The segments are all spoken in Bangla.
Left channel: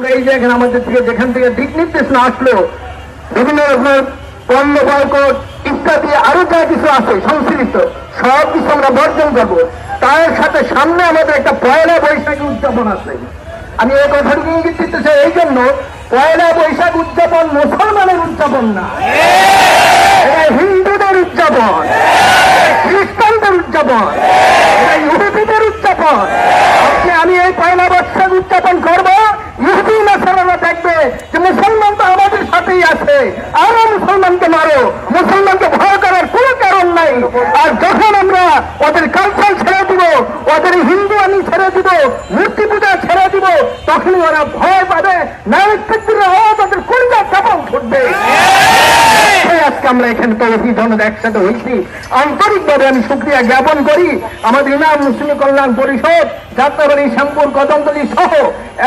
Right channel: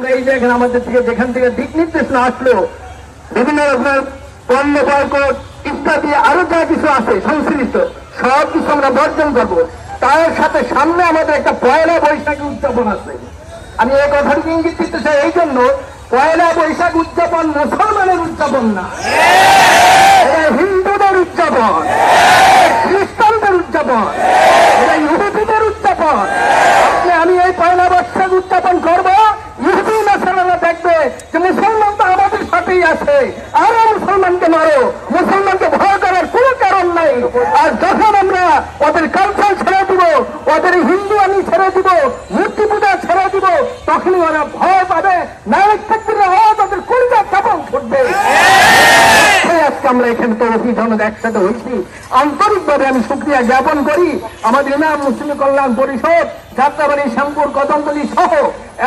আমরা এই যে এখানে আমাদের থেকে যেখান থেকে দিক নির্দেশ না আসলো বিভিন্ন রকমের পণ্য বয়কট ইত্যাদি আরও যা কিছু আছে সংশ্লিষ্ট, সব কিছু আমরা বর্জন করব। তার সাথে সামনে আমাদের একটা পয়লা বৈশাখী উদযাপন আছে। আমি এই কথাটিকে ইঙ্গিত দিতে চাই এই জন্য, পয়লা বৈশাখ উদযাপন মুসলমানের উদযাপন না। এটা হিন্দুদের উদযাপন খ্রিস্টানদের উদযাপন, এটা ইহুদিদের উদযাপন আজকে আমি এই পয়লা বৈশাখ উদযাপন করব ইহুদি দেখবে যে মুসলমান তো আমাদের সাথেই আছে। আরও মুসলমানকে মারো। মুসলমানকে ভয় করার কোনো কারণ নাই। আর যখন আমরা ওদের কালচার ছেড়ে দিব, ওদের হিন্দু আমি ছেড়ে দিব, মূর্তি পূজা ছেড়ে দিব, তখনই ওরা ভয় পাবে। নায়ক ক্ষেত্রে ওদের কলিজা এই আজকে আমরা এখানে তো অভিযানের একসাথে হয়েছি। আন্তরিকভাবে আমি সুক্রিয়া জ্ঞাপন করি। আমাদের ইমাম মুসলিম কল্যাণ পরিষদ, যাত্রাবাড়ি, শ্যামপুর, কদমতলী সহ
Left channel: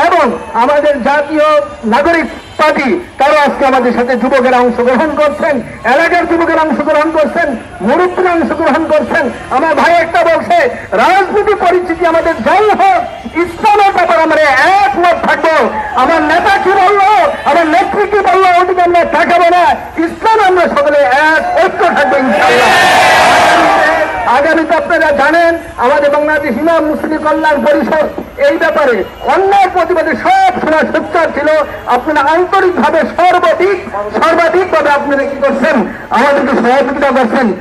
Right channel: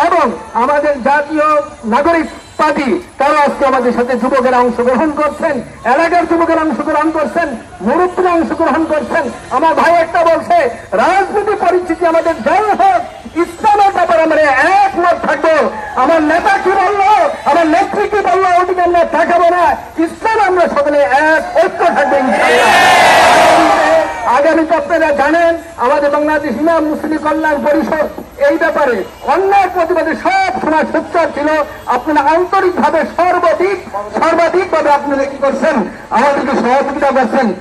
এবং আমাদের জাতীয় নাগরিক পার্টি, তারা আজকে আমাদের সাথে যুবকেরা অংশগ্রহণ করছেন, এলাকার যুবকেরা অংশগ্রহণ করছেন, মুরব্বীরা অংশগ্রহণ করছেন। আমার ভাই একটা বলছে, রাজনীতি পরিস্থিতি আমাদের যাই হোক, ইসলামের ব্যাপারে আমরা একমত থাকব। আমার নেতা কি বলল? আমার নেত্রী কি বলল? ওদিকে আমরা তাকাবো না ইসলাম আমরা সকলে এক ঐক্য থাকব ইনশাআল্লাহ আগামীতে- আপনারা জানেন, আমাদের বাংলাদেশ ইমাম মুসলিম কল্যাণ পরিষদ, এই ব্যাপারে অন্যায় প্রতিবাদে সব সময় সোচ্চার ছিল। আপনারা আন্তরিকভাবে সর্বাধিক সর্বাধিক সর্বাধিকভাবে আপনারা কি করছেন? আমাদেরকে সহযোগিতা করছেন।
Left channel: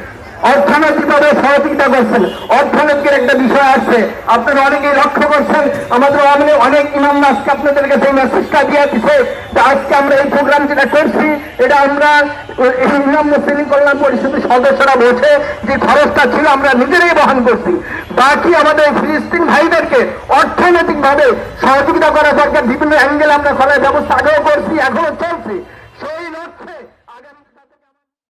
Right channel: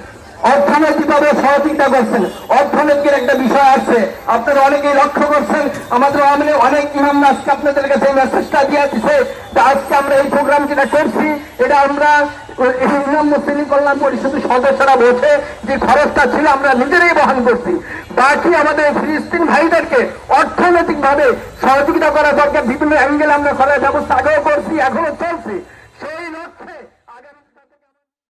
অর্থনৈতিকভাবে সহযোগিতা করছেন। অর্থনৈতিকের একটা বিষয় আছে। আপনারা অনেকেই লক্ষ্য করছেন, আমাদের অনেক অনেক ইমাম আজকে আপনাদের কাছে মেসেজটা দিয়ে দিছে আজকে আমরা এই প্রোগ্রাম যেটা করছি, এটা আমরা ইমাম মুসলিম কল্যাণ পরিষদের সদস্যরা বলছে যে খরচটা ছিল আমরা নিজেরাই বহন করছি। বাকি আমাদের ফিলিস্তিন ভাইদেরকে অর্থনৈতিক ভাবে সহযোগিতা করা দরকার, বিভিন্ন অ্যাঙ্গেল আমরা করার ব্যবস্থা আগেও করছি, এখনও চলছি।